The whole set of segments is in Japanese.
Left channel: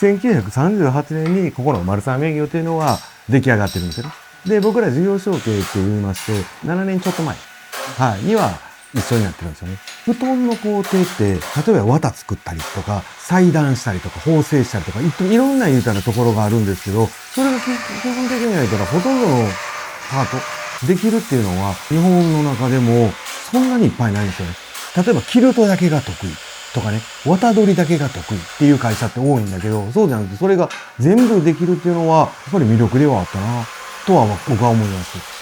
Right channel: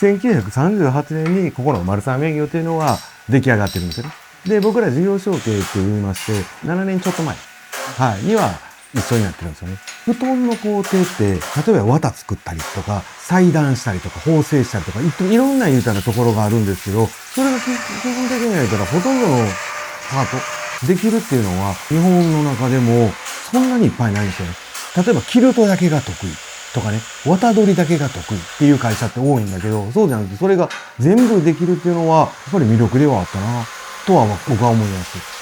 1938年にここの丸三名業というのは出来上がってるんですよね。で、僕ら事業承継って言いまして、7年ちょっと前、はい、には一緒になってるんですよね。布団の工程って、例えば綿作ったりとか、裁断したりとか、縫製したりとか、いろんな言うたらところがあるんですけど、それが基本的には言ったらほとんどのパートできるっていうのは、日本の中でもそんなにいっぱいないんですよね。例えば、キルトだけが得意とかね、綿取りだけが得意っていう会社って多いんだけど、そうじゃなくて、それが全部できるっていうのは、やっぱり魅力ではあったな、とは僕は思います。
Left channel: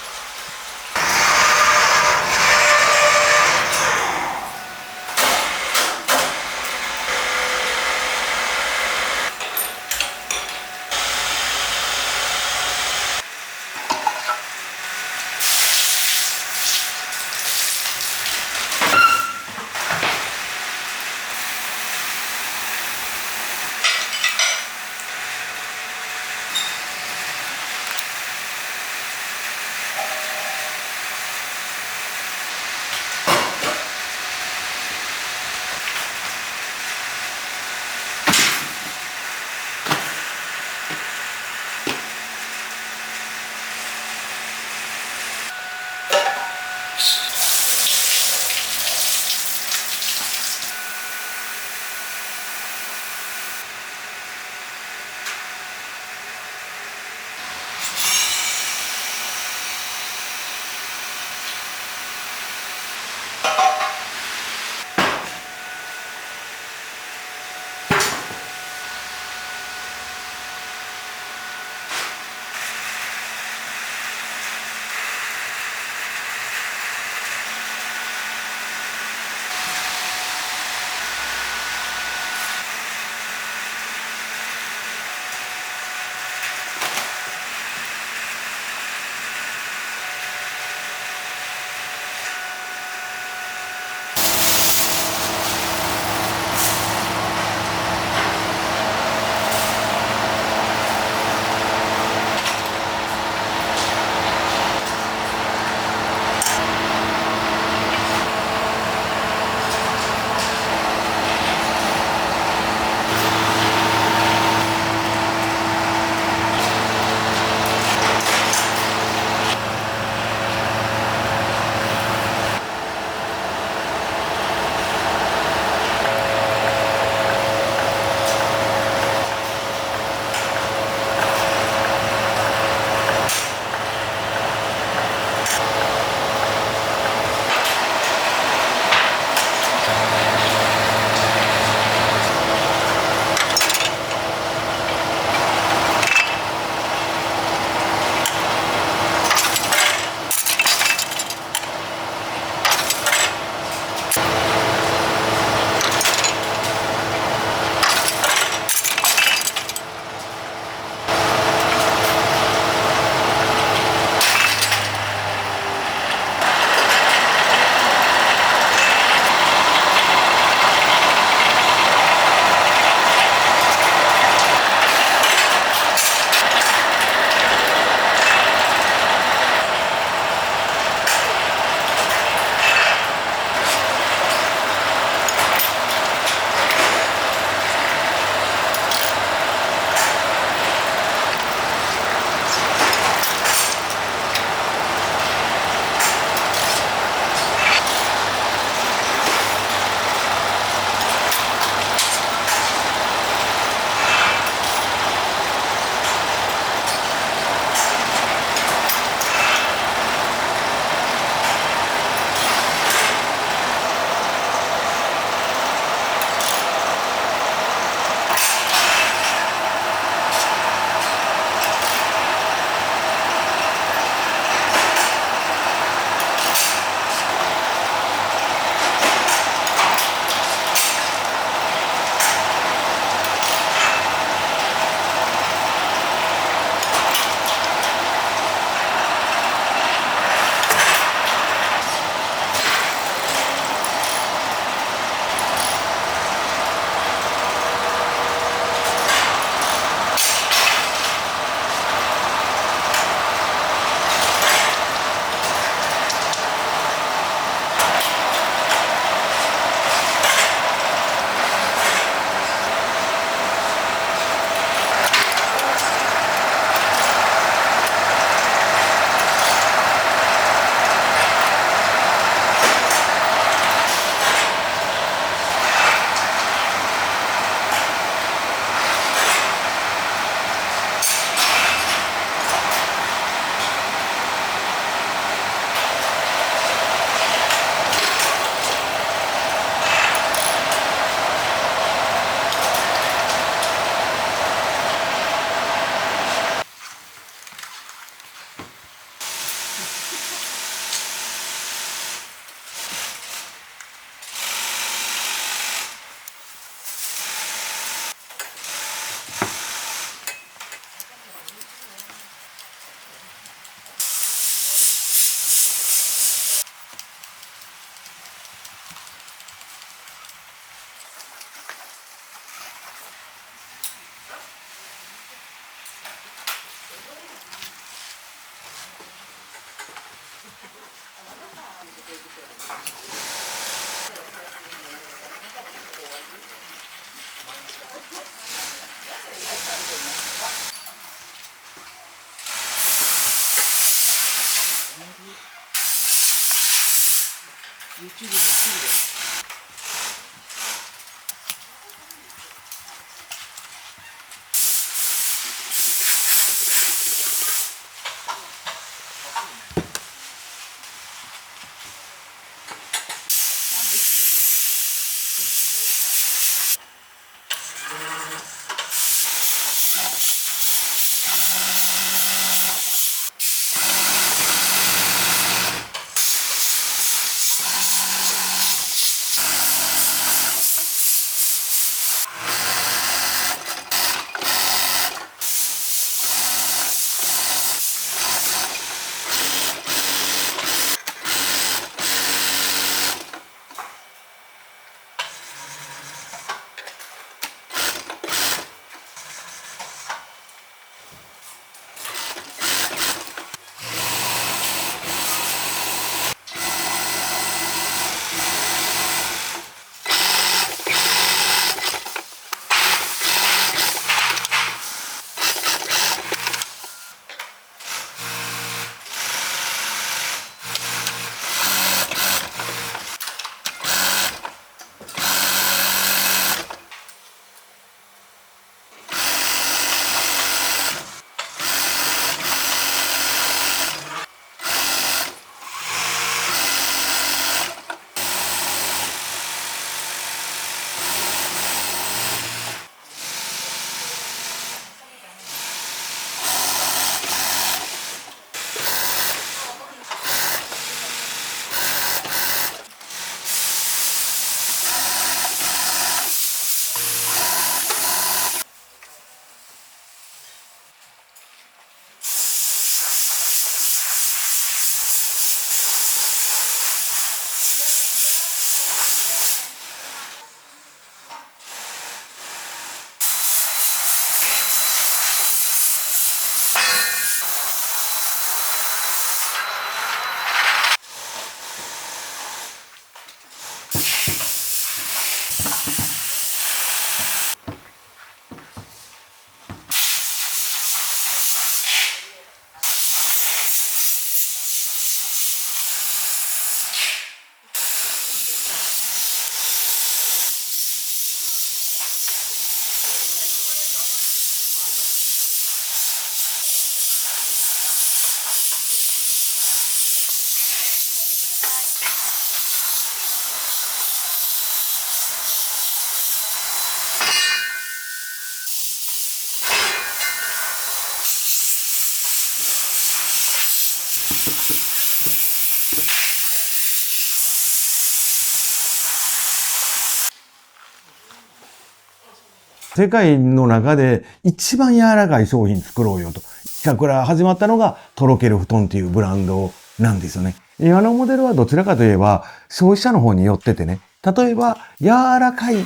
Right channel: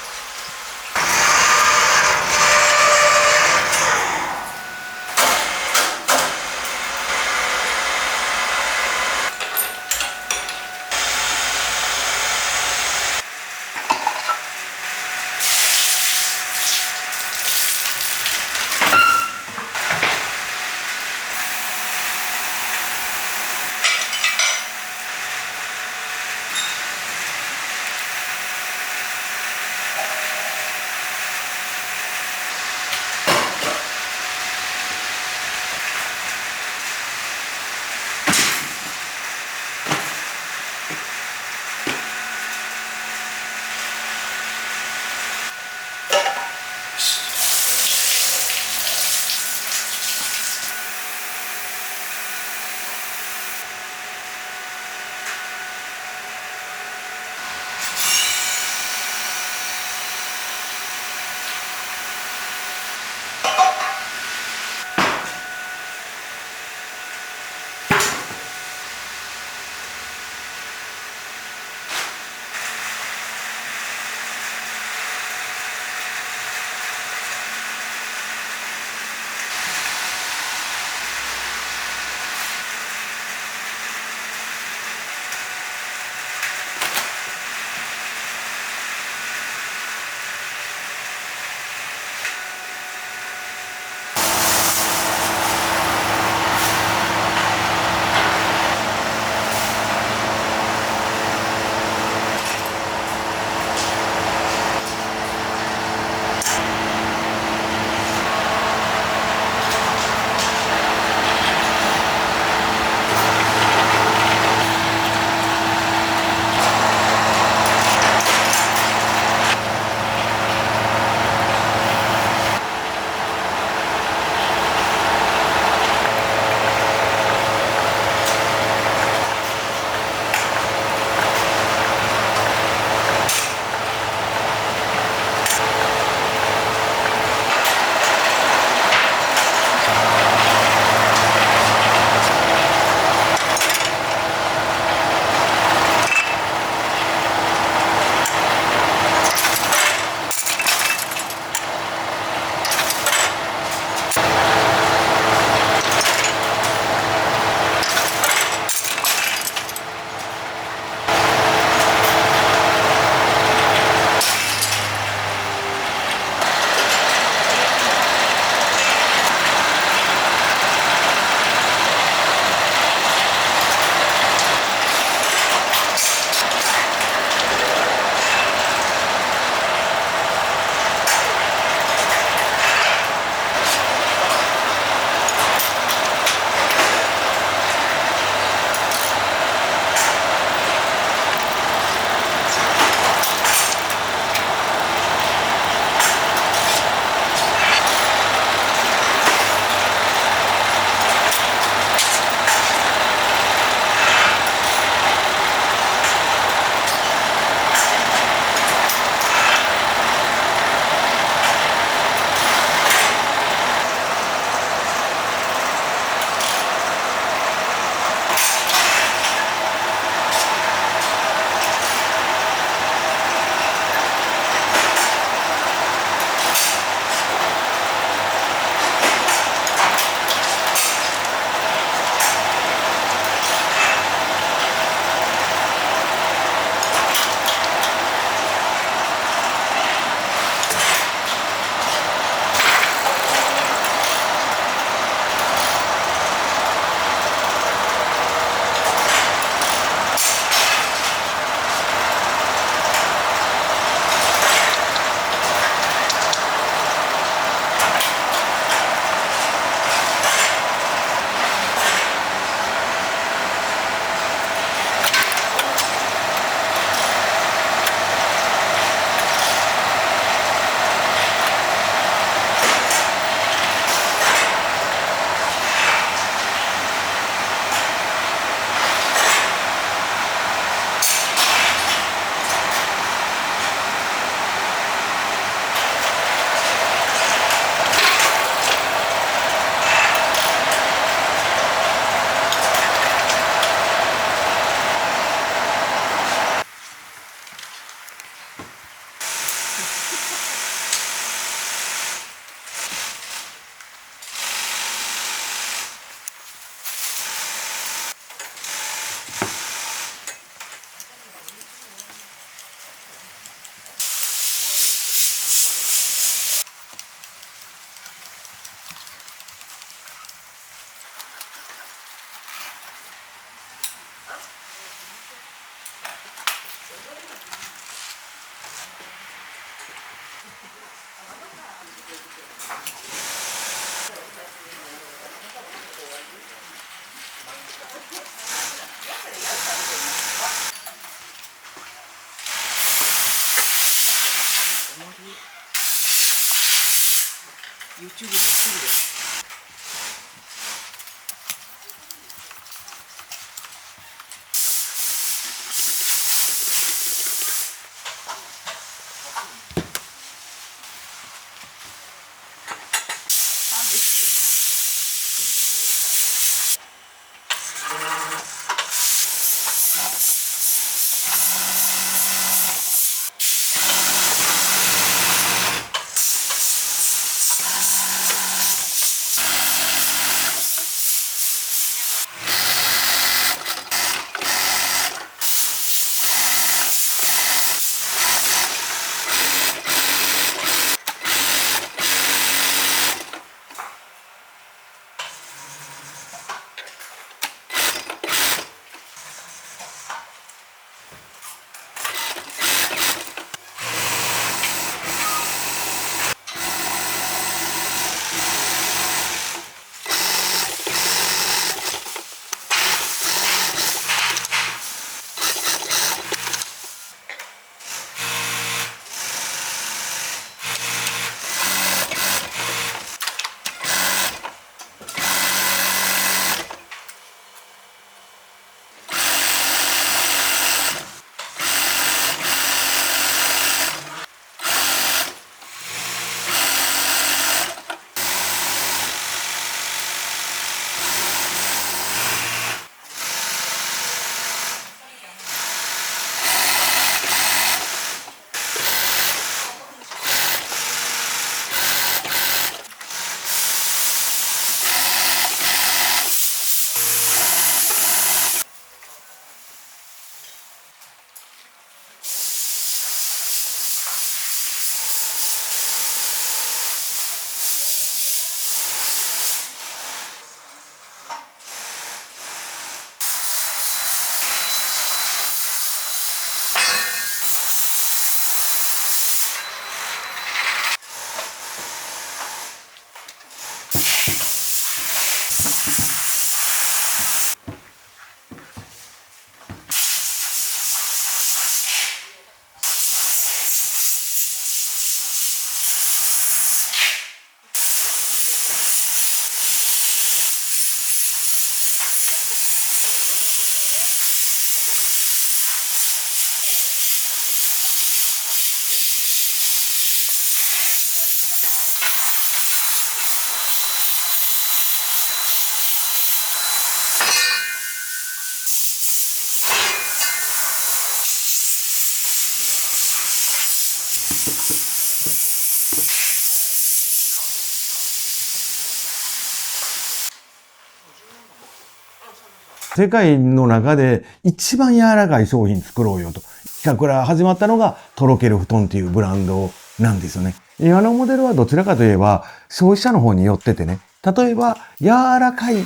世界の中で一番柔らかい商品作ろうよと。企画から始まったのがとろける布団っていうブランドなんですよね。今のモデルはどちらかといえば消費者の方に寄っててね。例えば柔らかい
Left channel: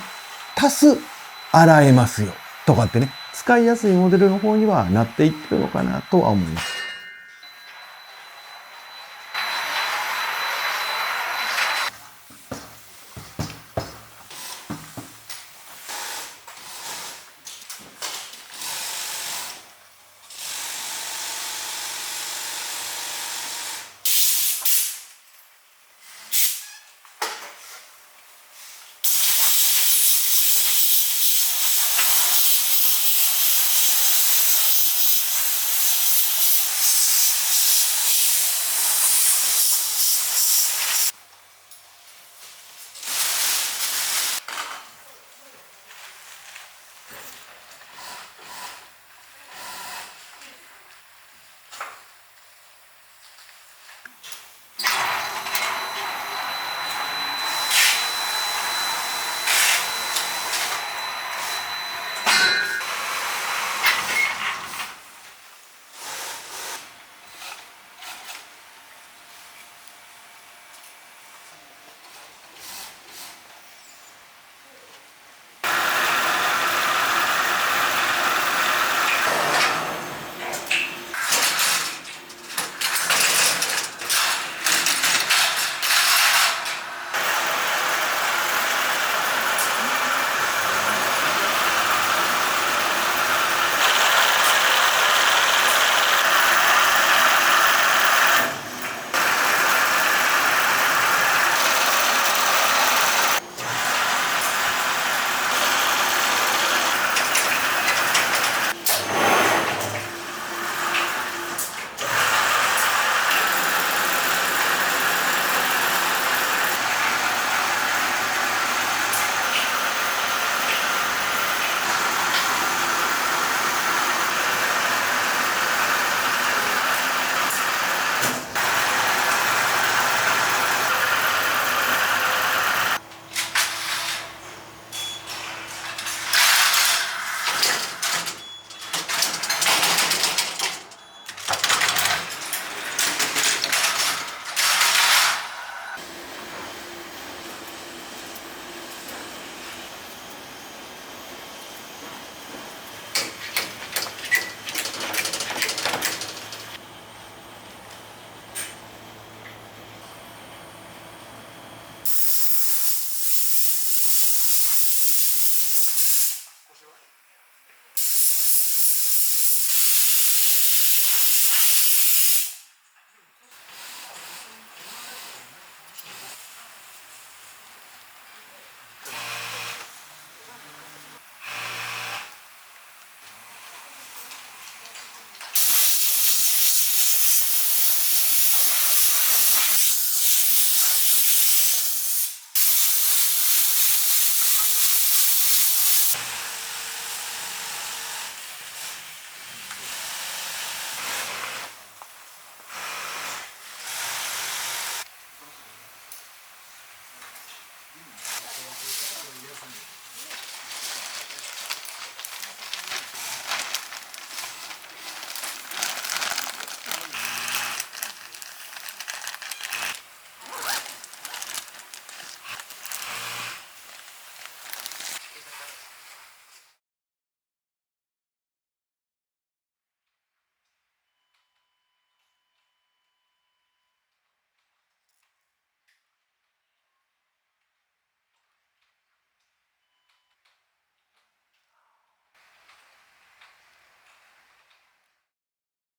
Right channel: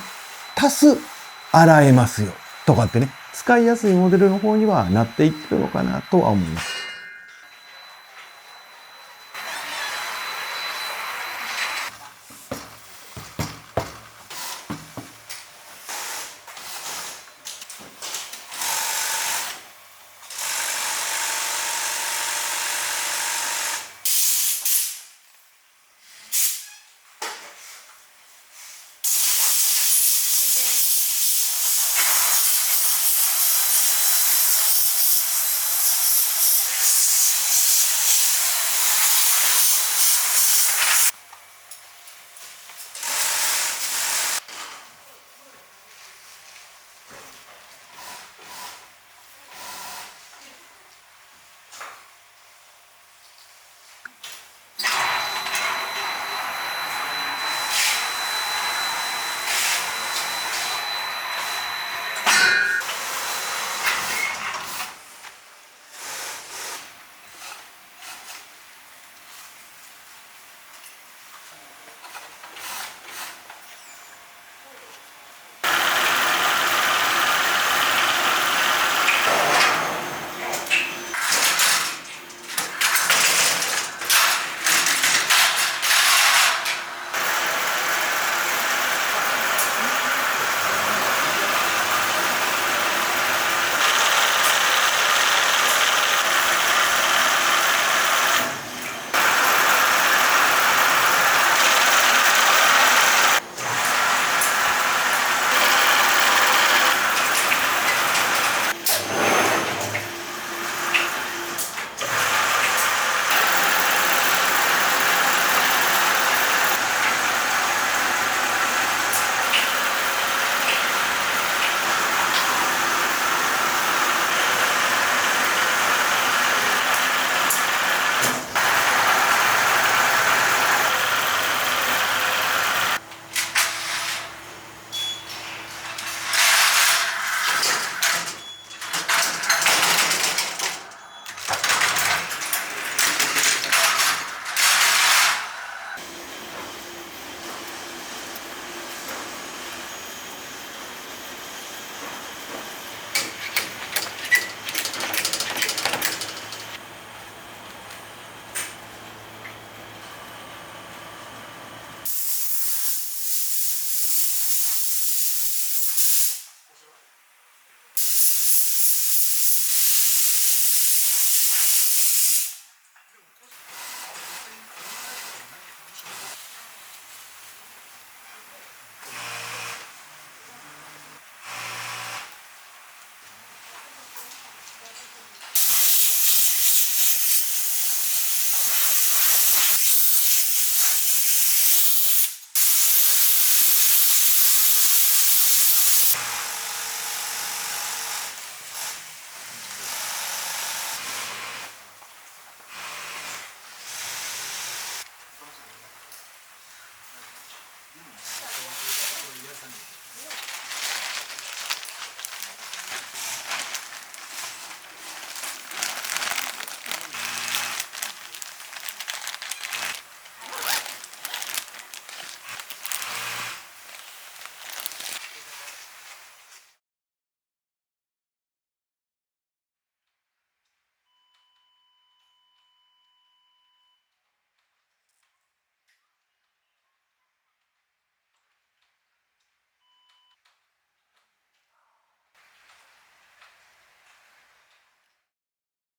足す洗えますよとかってね。使いやすいモデルの方にはなっていってるのかなとは思います。